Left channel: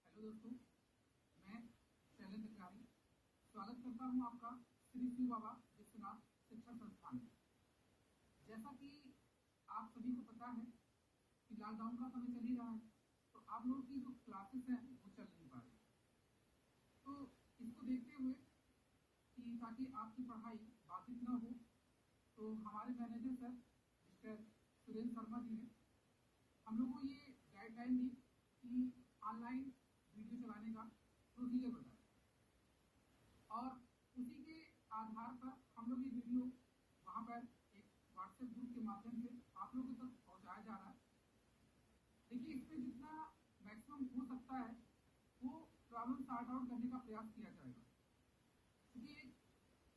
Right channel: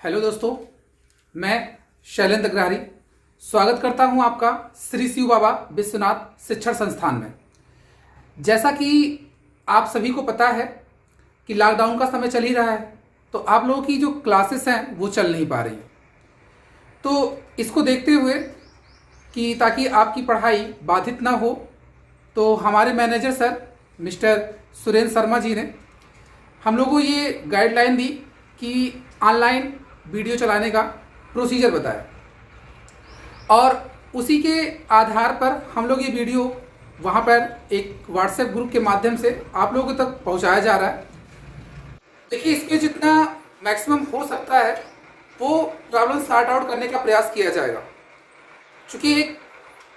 Hello दोस्तों, मैं शैलेंद्र अग्रहारी स्वागत करता हूं आपका श्री शिव बाबा विश्वनाथ शिक्षण संस्थान में। जैसा कि आप सभी को पता है कि लॉकडाउन का समय चल ही रहा है, तो आप लोगों की जो क्लासेस हैं वो चल नहीं पा रही हैं। तो इसको देखते हुए कि ताकि आपकी पढ़ाई बाधित ना हो, तो हमारे manager sir mister Surendra Sharma ji ने हम लोगों को ये गाइडलाइन दी कि ऑनलाइन वीडियो चलाने का प्रोसीजर बताया, और उसी के आधार पर हम लोग ये वीडियो वहाँ पर एक व्हाट्सएप ग्रुप के माध्यम से आप लोगों तक पहुँचाया जा रहा है। देखिए, इसके जितना मैक्सिमम हो सकता है वो प्रॉब्लम सॉर्ट आउट करने का प्रयास किया जाएगा। चूँकि एक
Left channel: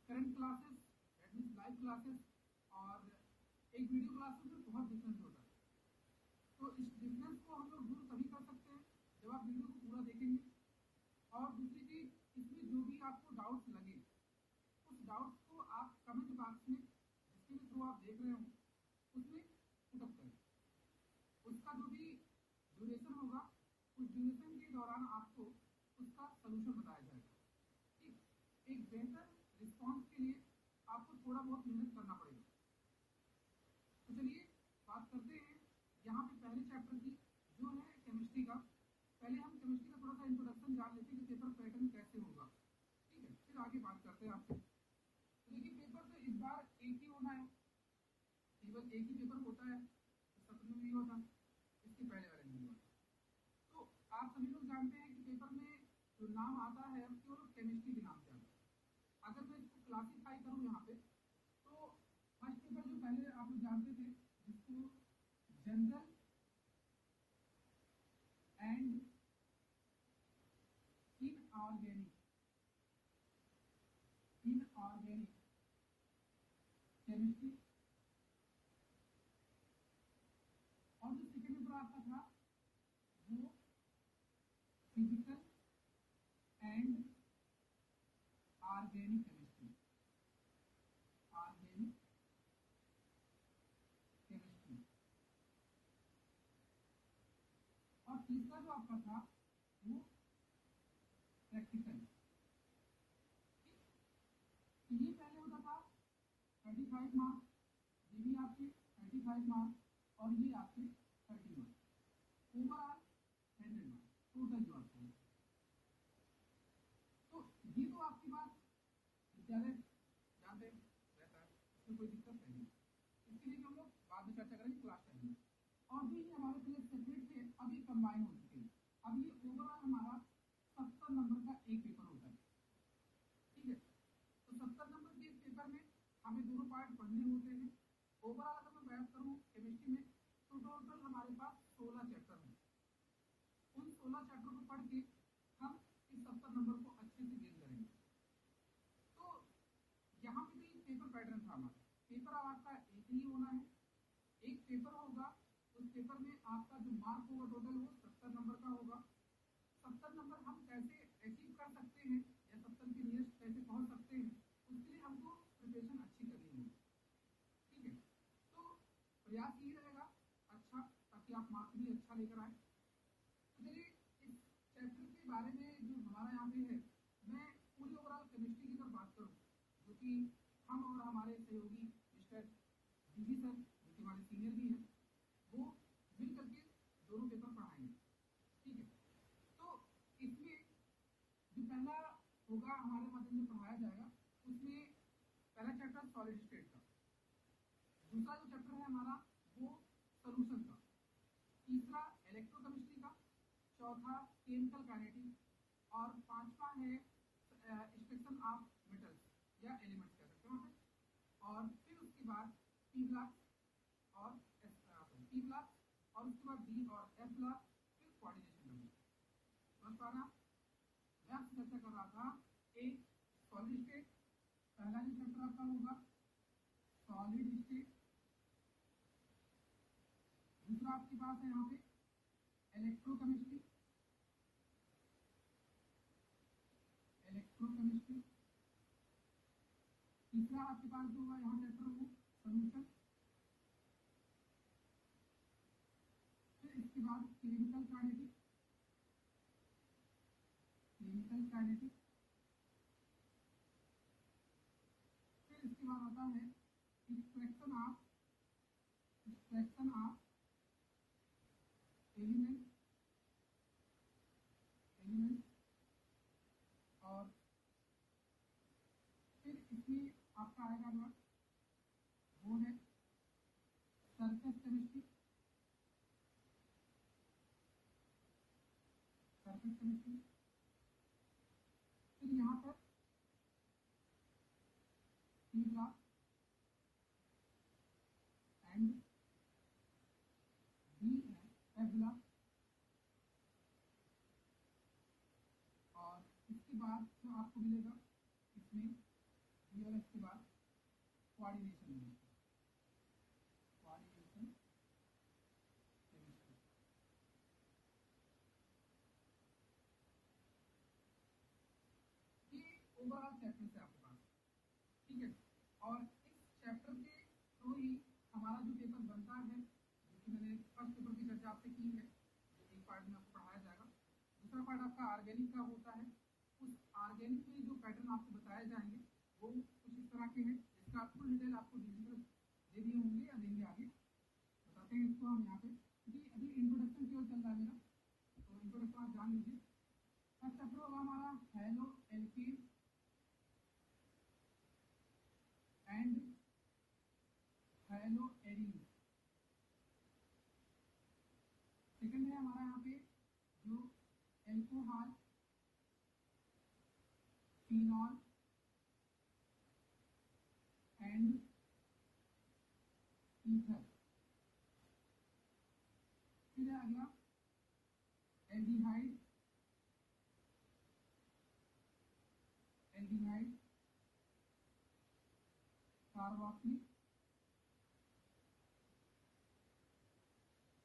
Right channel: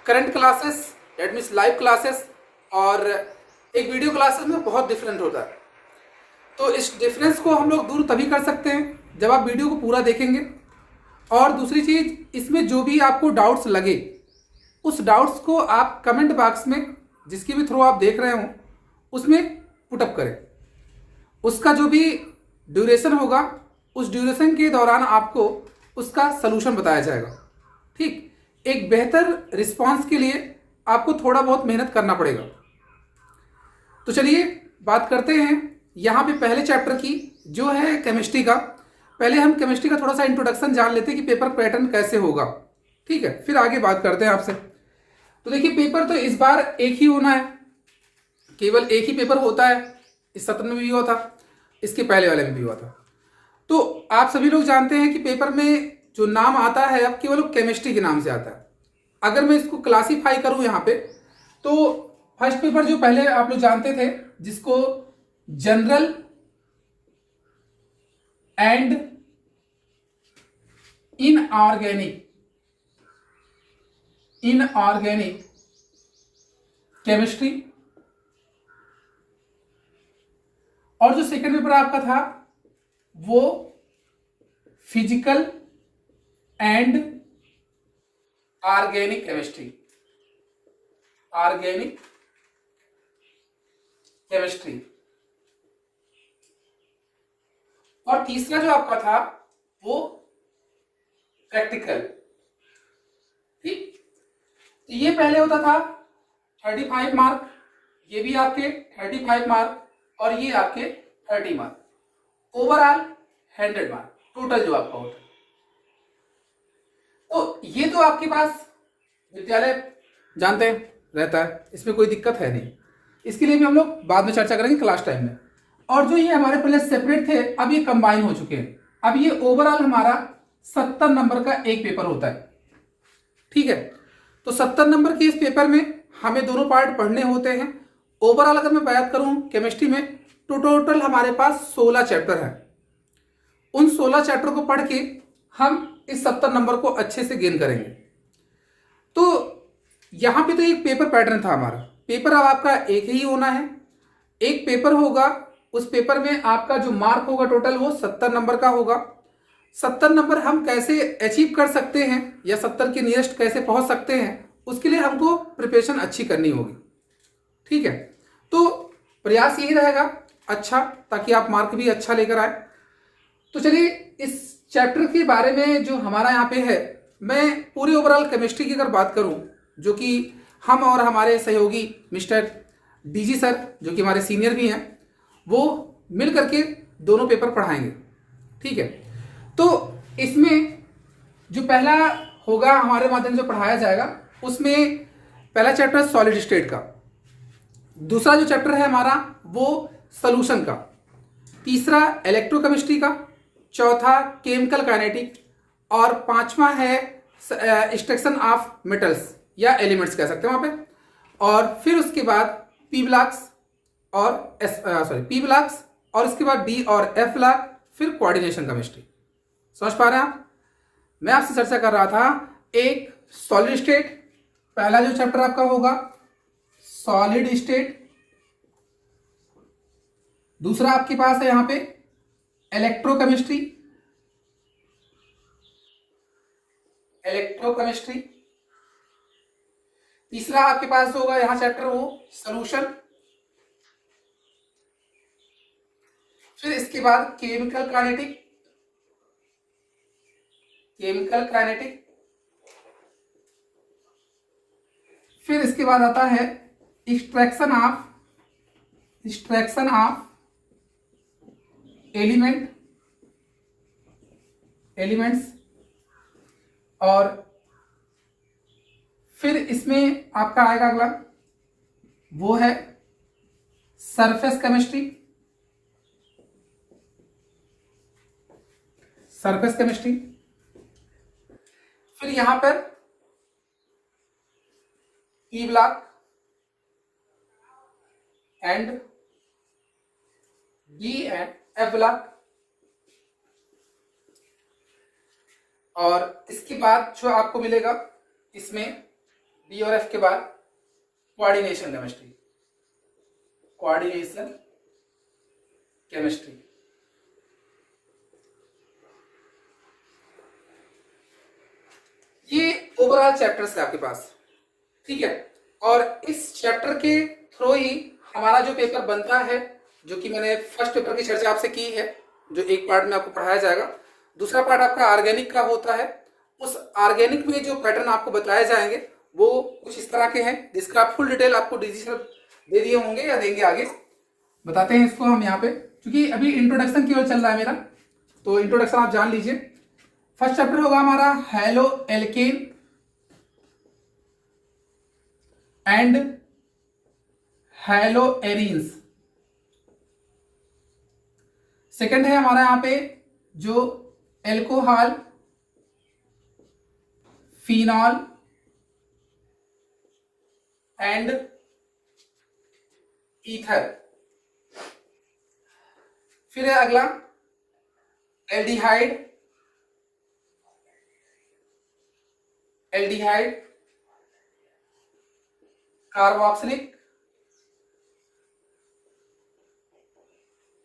current classes that means live classes और एक वीडियो क्लासेस में बहुत डिफरेंट होता है। तो इस डिफरेंस को हम लोग दूर तभी कर सकते हैं जब आप वीडियो को पूरा देखेंगे। और दूसरी चीज़, इसमें जो भी आपको डाउट्स लगे उस डाउट्स को आप कमेंट बॉक्स में जिसके भी थ्रू आप देख रहे हो उसमें पुटअप करें। उसका जो भी ड्यूरेशन होगा उस ड्यूरेशन के दौरान आपको उसका सलूशन बताया जाएगा। ठीक, एक बेहतर रिस्पांस के लिए आपको थोड़ा बहुत मेहनत करना पड़ेगा। तो चलिए बात करते हैं यहाँ पे पहले चैप्टर की, जो है केमिस्ट्री का। पहले हम केमिस्ट्री का थोड़ा सा इंट्रोडक्शन जान लेते हैं कि पेपर पैटर्न कैसे होगा। ठीक है, फिर आगे बात करते हैं आपसे। तो देखिए, पेपर तो इस बार एक ही होना है, केवल एक ही पेपर होता है। इस सत्र में भी हुआ था, इसके पहले वाले में भी हुआ था। तो आप सभी लोग जानते हैं कि पेपर में जो नाम आता है अब केवल केमिस्ट्री के नाम से आता है। अगर मैं इसको क्लासीफाई करूं यहाँ पे, तो फर्स्ट पेपर जो पहले आप लोग जानते थे जिसको जनरल एंड इनऑर्गेनिक केमिस्ट्री, और जो सेकंड पेपर आपका था वो फिजिकल एंड ऑर्गेनिक केमिस्ट्री, और तीसरा जो आपका था वो प्रैक्टिकल। ठीक, तो ये पहले होता था 35 मार्क, ये भी आपके 35 मार्क, और ये आपके 30 मार्क, ओवरऑल 100 मार्क टोटल जो आपका होता है। तो ये तो आपके पास विद्यालय जानते हैं रहता है, इसमें कोई दिक्कत है नहीं। इसके लिए भी हम लोग बाद में चर्चा करेंगे क्लास टाइम में। और जो ये हमारे पहले सेपरेट थे अब ये कंबाइन हो चुके हैं। अब ये ओवरऑल हमारा 70 नंबर का एक पेपर होता है। ठीक है, तो 70 नंबर के इस पेपर में हमें दोनों पार्ट पढ़ने होते हैं। ओवरऑल अगर मैं बात करूं केमिस्ट्री में, तो टोटल हमारे पास 16 चैप्टर हैं। उन 16 चैप्टर को पढ़ के हम इस 70 नंबर को अच्छे से गेन करेंगे। तो यहाँ पे तो एक पेपर पैटर्न था हमारा। पेपर अब आपका एक ही होना है, एक पेपर होगा। उस पेपर में आपका जो मार्क होगा टोटल वो 70 नंबर का होगा। 70 नंबर हम कैसे अचीव कर सकते हैं या 70 के नियरेस्ट कैसे पहुंच सकते हैं, उसके लिए हमको प्रिपरेशन अच्छी करनी होगी। ठीक है, तो प्रयास यही रहेगा अच्छा, ताकि आप मार्क भी अच्छा लेकर आए। तो चलिए, इस चैप्टर के बारे में जो हमारा यहाँ पे है, मैं पूरे ओवरऑल केमिस्ट्री की अगर बात करूँ, जो कि हम और हमारे सहयोगी मिस्टर डीजी सर जो कि हमारे सीनियर भी हैं, वो मिल करके दोनों पेपर पढ़ाएंगे। ठीक है, तो इसमें जो पहला होगा हमारे माध्यम से पढ़ाया जाएगा, उसमें पहला चैप्टर सॉलिड स्टेट का, दूसरा जो चैप्टर है हमारा वो सॉल्यूशन का, तीसरा इलेक्ट्रोकेमिस्ट्री का, चौथा केमिकल काइनेटिक, और पांचवा है एक्सट्रैक्शन ऑफ मेटल्स या एलिमेंट्स कह सकते हैं वहाँ पे। और फिर उसके बाद पी ब्लॉक्स और इसके बाद डी और एफ ब्लॉक, फिर कोऑर्डिनेशन केमिस्ट्री। समझ पा रहे हैं आप? मैं आपसे चर्चा कर रहा था एक सॉलिड स्टेट, पहला जो चैप्टर आपका होगा सॉलिड स्टेट, दूसरा आपके पास है यहां पे इलेक्ट्रोकेमिस्ट्री, तीसरा आपके पास होगा यहां चैप्टर वो सॉल्यूशन, फिर इसके बाद केमिकल काइनेटिक, केमिकल काइनेटिक। फिर इसके बाद आता है एक्सट्रैक्शन ऑफ एलिमेंट्स। और फिर इसमें आपका आएगा अगला, वो है सरफेस केमिस्ट्री। फिर यहां पर E block and D and F block. और इसके बाद जो आपको मिलेगा इसमें डी और एफ के बाद कोऑर्डिनेशन केमिस्ट्री। ये ओवरऑल चैप्टर्स है आपके पास, ठीक है। और इस चैप्टर के थ्रू ही हमारा जो पेपर बनता है, जो कि मैंने फर्स्ट पेपर की चर्चा आपसे की है, जो एक पार्ट में आपको पढ़ाया जाएगा, दूसरा पार्ट आपका ऑर्गेनिक का होता है। उस ऑर्गेनिक में जो पैटर्न आपको बताए जाएंगे वो कुछ इस तरह के हैं, जिसका फुल डिटेल आपको डीजी सर दे दिए होंगे या देंगे आगे। बताते हैं इसको हम यहाँ पे, क्योंकि अभी इंट्रोडक्शन की ओर चल रहा है मेरा, तो इंट्रोडक्शन आप जान लीजिए। फर्स्ट चैप्टर होगा हमारा halo alkane and hello arenes. Second है हमारा यहाँ पे जो एल्कोहल, फिनॉल एंड ईथर। फिर है अगला एल्डिहाइड, कार्बोक्सिलिक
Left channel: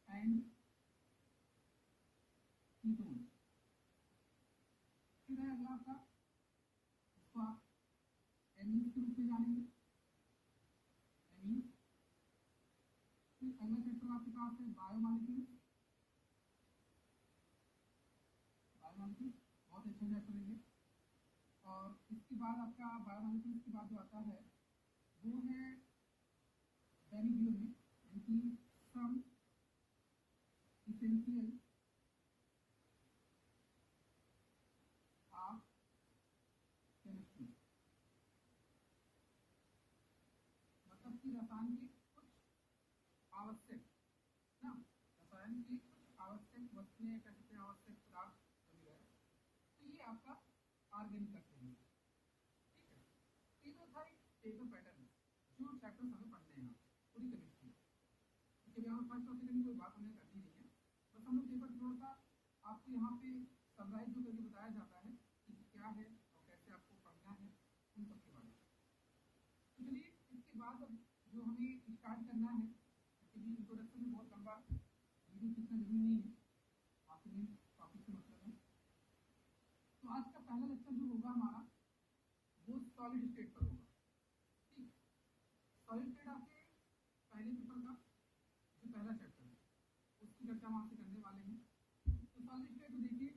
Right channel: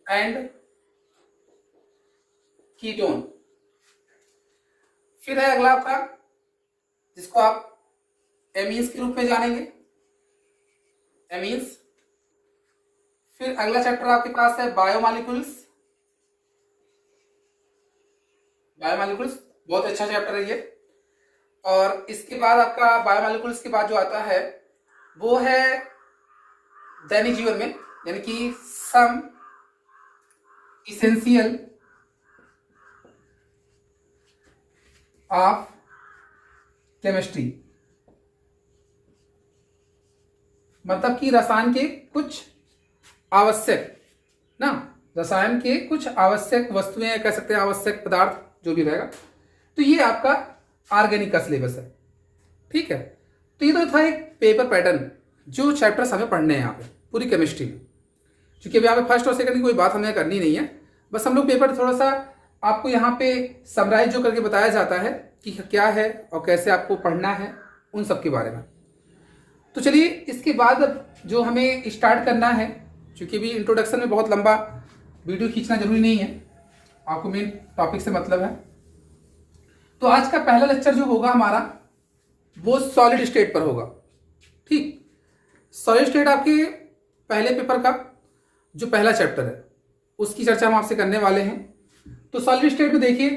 एंड कीटोन। फिर है अगला आपका, जिसको आप एमीन्स के रूप में जानेंगे, एमीन्स। फिर अगला चैप्टर आपके पास है बायोमॉलिक्यूल्स। बहुत अच्छा चैप्टर है ये। और इसके बाद आपका बायोमॉलिक्यूल्स के बाद जो आता है वो है दैनिक जीवन में, यानी कि सम इसेंशियल ऑफ केमिस्ट्री, मतलब कि रसायन के कुछ आवश्यक वस्तुएं, कह सकते हैं आवश्यक पदार्थ, जो भी रहेगा। तो ये आपका ऑर्गेनिक का सिलेबस है, ठीक है। तो ये तो था एक पेपर पैटर्न, जो चैप्टर्स हमें पढ़ने हैं यहाँ पे पूरी केमिस्ट्री में। क्योंकि अभी यहाँ पे फर्स्ट और सेकंड की कोई बात हमें करनी नहीं है, बस हम लोग पेपर थोड़ा सा आपको यहाँ पे समराइज जो करके बताया जाता है कि क्या है और कैसे आपको पढ़ना है, उन सब के बारे में। तो चलिए इसके बाद जो हमें स्टार्ट करना है, क्योंकि अभी इंट्रोडक्शन में बहुत लंबा वीडियो खींचना जरूरी नहीं है, आपको मेन टॉपिक से मतलब है। तो आज का पहला लेक्चर जो होगा हमारा वो सॉलिड स्टेट पर होगा, ठीक। सॉलिड स्टेट आपके पहले पेपर का जो पहला चैप्टर है उसकी चर्चा हम आपसे करने वाले हैं। तो सॉलिड स्टेट में देखिए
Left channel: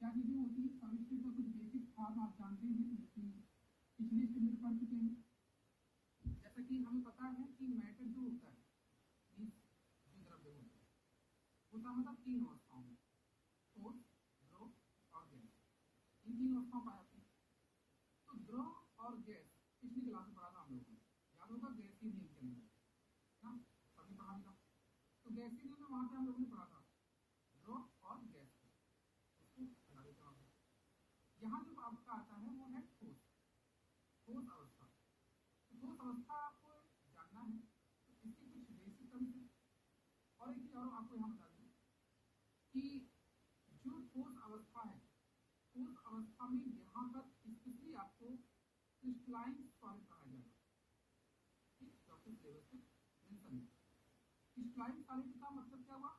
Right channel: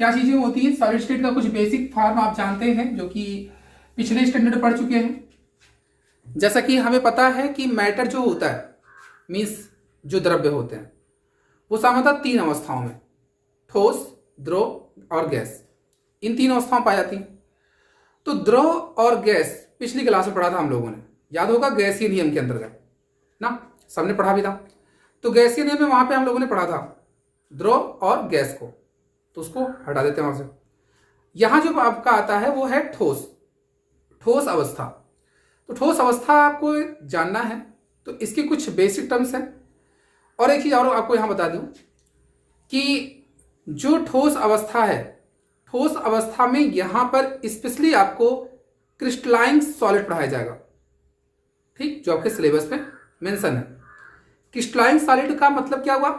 क्या चीजें होती हैं। सॉलिड स्टेट का कुछ बेसिक फॉर्म आप जानते हैं, जो कि पिछले स्टैंडर्ड में पढ़ चुके हैं। जैसा कि हमें पता है कि मैटर जो होता है, मीन्स जो द्रव्य होते हैं, वो सामान्यतः 3 अवस्थाओं में, ठोस, द्रव और गैस, इन 3 अवस्थाओं पाई जाती हैं। तो द्रव और गैस पिछली क्लास में पढ़ा था हम लोगों ने, याद होगा, गैसीय नियम के अंतर्गत ना, सबने पढ़ा भी था। तो गैसीय नियम में वहां पे हम लोगों ने पढ़ा था द्रव और गैस को, तो उसको हटा देते हैं वहां से। यहां जो आपका आता है वो है ठोस अवस्था। तो ठोस अवस्था आपको जानना है, तो इसके कुछ बेसिक टर्म्स हैं। और एक चीज और आपको यहां बता दूं कि जो ठोस अवस्था है, ठोस अवस्था में यहां पर स्पेशली आपको क्रिस्टलाइन सॉलिड पढ़ाया जाएगा, ठीक, जो आपके सिलेबस में मेंशन है। क्रिस्टलाइन सॉलिड का मतलब क्या हुआ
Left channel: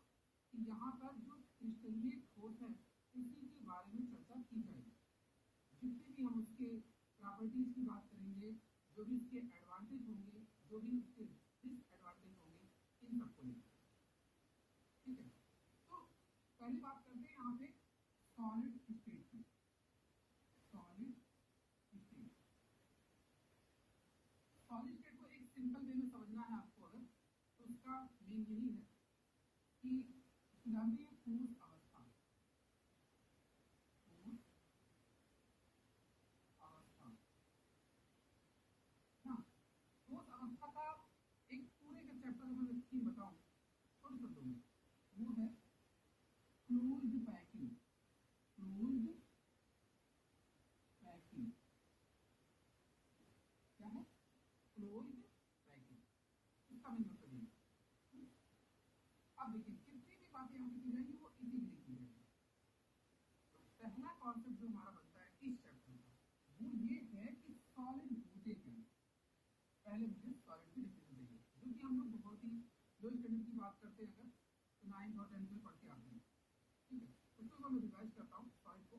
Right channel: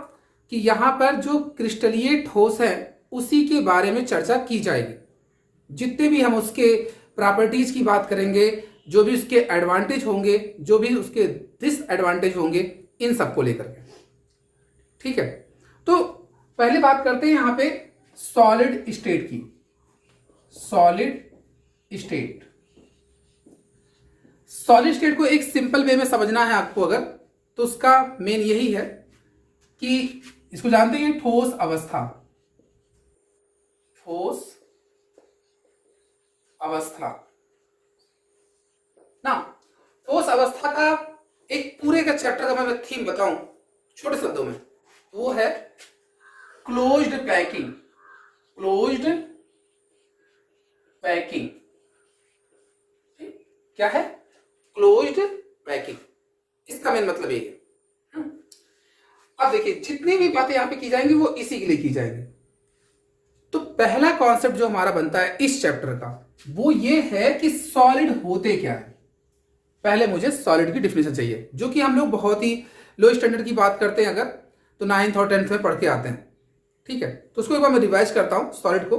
कि यहां पर जो क्रिस्टलीय ठोस है उसी के बारे में चर्चा की जाएगी। जितने भी हम उसके प्रॉपर्टीज की बात करेंगे, जो भी उसके एडवांटेज होंगे, जो भी उसके डिसएडवांटेज होंगे, इन सबको लेकर के, ठीक है। तो पहले बात करते हैं यहां पे सॉलिड स्टेट की। Solid state. सॉलिड स्टेट को एक सिंपल वे में समझना है आपको अगर, तो उसका मेन यही है कि इसको जानते हैं ठोस अवस्था। ठोस अवस्था ना, ठोस अवस्था का एक पूरे का चैप्टर का मैं थीम बताऊं छोटे शब्दों में, वो है क्लोज्ड पैकिंग। क्लोज्ड पैकिंग क्या है? क्लोज्ड पैकिंग, इसका मेन मतलब ये है। अब देखिए जितनी भी बातें यहां पे की जाएंगी वो इसी के लिए की जाएंगी। तो पहला कॉन्सेप्ट जो हमारा बनता है इस चैप्टर का वो ये है कि सॉलिड होते क्या है। पहले मुझे सॉलिड की डिफिनेशन चाहिए, जो कि हम लोग बहुत ही लो स्टैंडर्ड की बात करते हैं अगर, तो 9th और 10th में पढ़ के आते हैं। ठीक है, तो उसको एक बार मैं रिवाइज करता हूं सॉलिड को,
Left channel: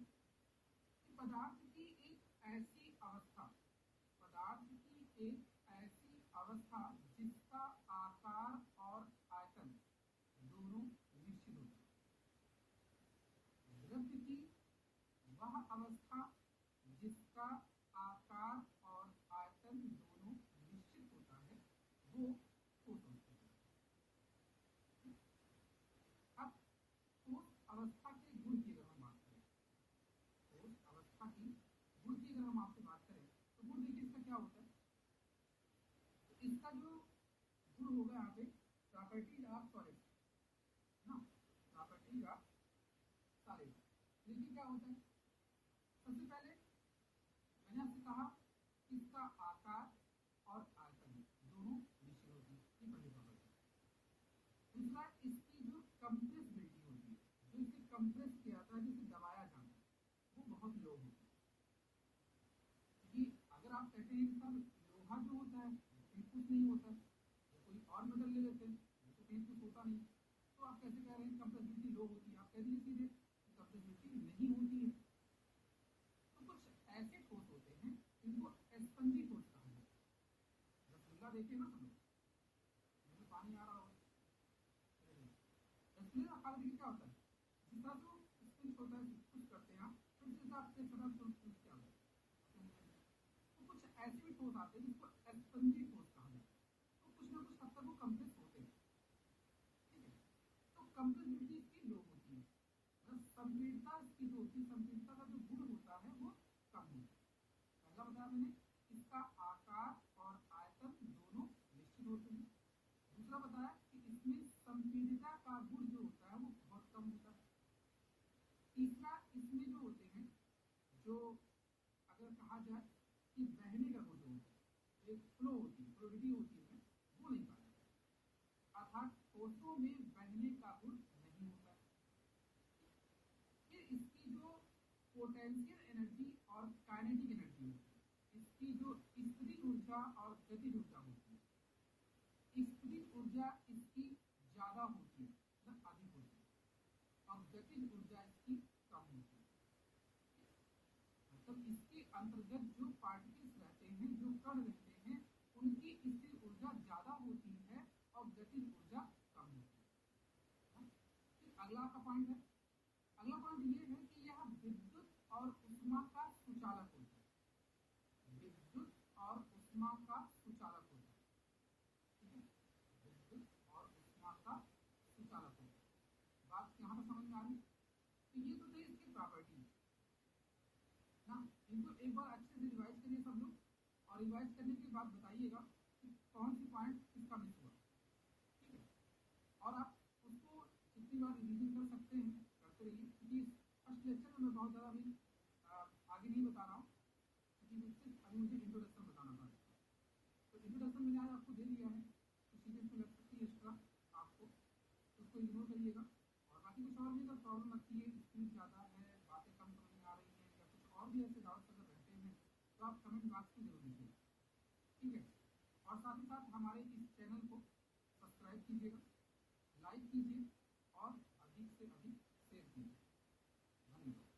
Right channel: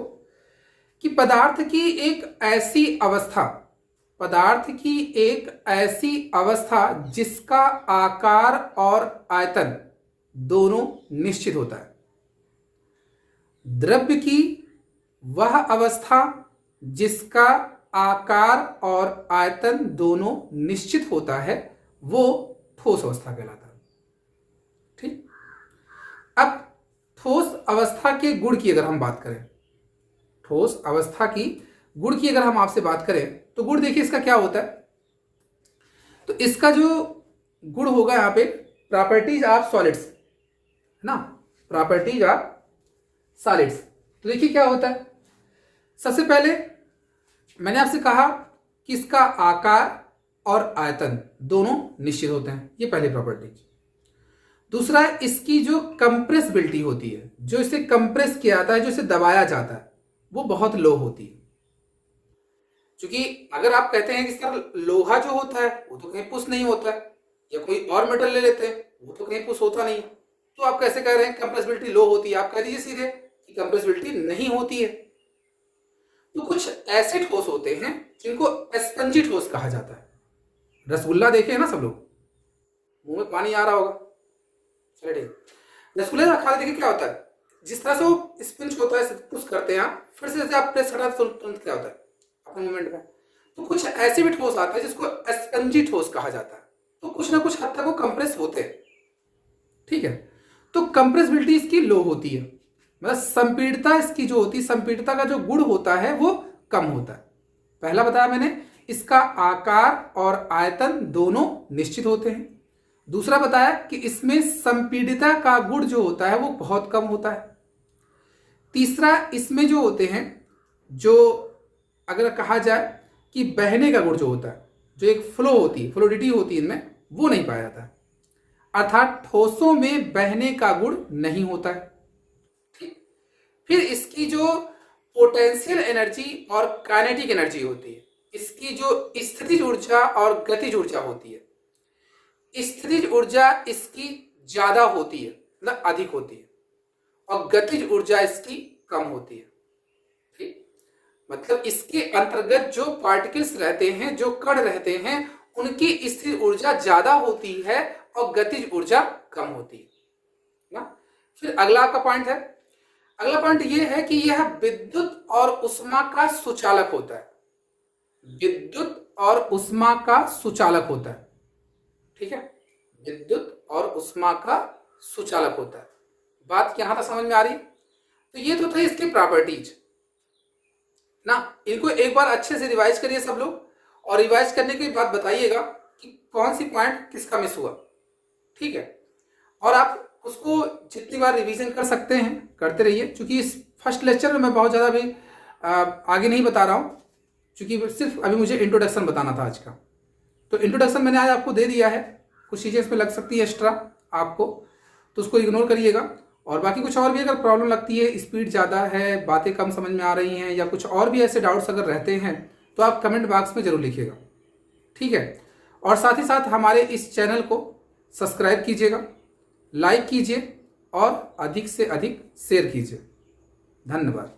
कि पदार्थ की एक ऐसी अवस्था, पदार्थ की एक ऐसी अवस्था जिसका आकार और आयतन दोनों निश्चित होता है। द्रव्य की वह अवस्था जिसका आकार और आयतन दोनों निश्चित होता है वो ठोस अवस्था कहलाता है। ठीक, अब ठोस अवस्था के गुण की अगर हम बात करें, ठोस अवस्था की गुण की अगर हम आपसे बात करें तो गुण देखिए इसका क्या होता है। तो इसका जो गुण होगा यहां पे प्रॉपर्टीज ऑफ सॉलिड्स है ना, प्रॉपर्टीज ऑफ सॉलिड्स। तो देखिए क्या होता है, सबसे पहले मैंने आपसे कहा कि इसका आकार और आयतन दोनों निश्चित होते हैं, ये पहली प्रॉपर्टी। दूसरा, इसकी जो कंप्रेसिबिलिटी होती है, जो इसे कंप्रेस किया जाता है, जो इसे दबाया जाता है, वो बहुत लो होती है। क्योंकि अगर आप कहते हैं कि इसका लोहा जो होता है वो तो कहीं पुश नहीं होता है, या कोई और मेटल ले लेते हैं वो तो कहीं पुश होता नहीं, तो आप कैसे कह रहे हैं कंप्रेसिबिलिटी लो होती है? आप कह दीजिए सीधे कि कंप्रेसिबिलिटी नहीं होती है। तो कुछ ऐसे ठोस होते हैं जिनको स्पंजी ठोस कहा जाता है। रसगुल्ला देखे हैं ना सब लोग, मुंह में पानी आ रहा होगा, चलिए ठीक। रसगुल्ला खा देखिए क्या होता है, जिस तरह से वो स्पिंच होता है, पुश करते हैं आप, फिर से जैसे आप प्रेस करते हैं तुरंत क्या होता है अपने मूवमेंट में। तो कुछ ऐसे भी ठोस आता है जिसको स्पंजी ठोस कहा जाता है, तो कुछ ना कुछ हद तक वो कंप्रेस होते हैं। ठीक है, तो कंप्रेसिबिलिटी इसकी लो होती है, मतलब संपीड़ितता इसकी जो होती है, संपीड़ितता का जो गुण होता है वो कम होता है। पहला बताया मैंने, इसका आकार और आयतन दोनों निश्चित होते हैं। दूसरा बताया कि इसमें संपीड़ितता का गुण जो होता है वो बहुत कम होता है। तीसरा, इसमें जो होते हैं, जो अगर कहा जाए कि बहने का गुण जो होता है, जो एक फ्लो होती है, फ्लोडिटी होती है इनमें, वो नहीं पाया जाता है, अर्थात ठोसों में बहने का गुण नहीं होता है। फिर इसकी जो पोटेंशियल एनर्जी और काइनेटिक एनर्जी होती है, इसकी जो स्थितिज ऊर्जा और गतिज ऊर्जा होती है, स्थितिज ऊर्जा इसकी ज्यादा होती है, मतलब अधिक होती है, और गतिज ऊर्जा इसकी कम होती है। ठीक, मतलब इसके अंतर्गत जो पार्टिकल्स रहते हैं, जो कण रहते हैं, उनकी स्थितिज ऊर्जा ज्यादा होती है और गतिज ऊर्जा कम होती है ना। फिर अगला आपका पॉइंट है, अगला पॉइंट यह है कि यह विद्युत और उष्मा का सुचालक होता है। विद्युत और उष्मा का सुचालक होता है। ठीक है, विद्युत और उष्मा का सुचालक होता है। बात यहां तक समझ में आ रही? तो ये तो थे इसके प्रॉपर्टीज ना, इनको एक बार अच्छे से रिवाइज करिए सब लोग, और रिवाइज करने के बाद बताइएगा कि कौन सी पॉइंट किसका मिस हुआ। ठीक है, और आप उसको जितनी बार रिवीजन कर सकते हैं करते रहिए, क्योंकि इस फर्स्ट लेक्चर में मैं बहुत ज़्यादा भी आगे नहीं बता रहा हूँ, क्योंकि सिर्फ अभी मुझे इंट्रोडक्शन बताना था आज का। तो इंट्रोडक्शन मैंने आज आपको दे दिया है, कुछ चीज़ें इसमें लग सकती है एक्स्ट्रा आपको, तो उसको इग्नोर करिएगा। और बाकी कुछ और भी अगर प्रॉब्लम लगती है, स्पीड ज़्यादा है, बातें कम समझ में आ रही हैं, या कुछ और भी ऐसे डाउट्स अगर रहते हैं, तो आप कमेंट बॉक्स में ज़रूर लिखिएगा। ठीक है, और साथ ही साथ हमारे इस चैनल को सब्सक्राइब कीजिएगा, लाइक कीजिए और अधिक से अधिक शेयर कीजिए। धन्यवाद।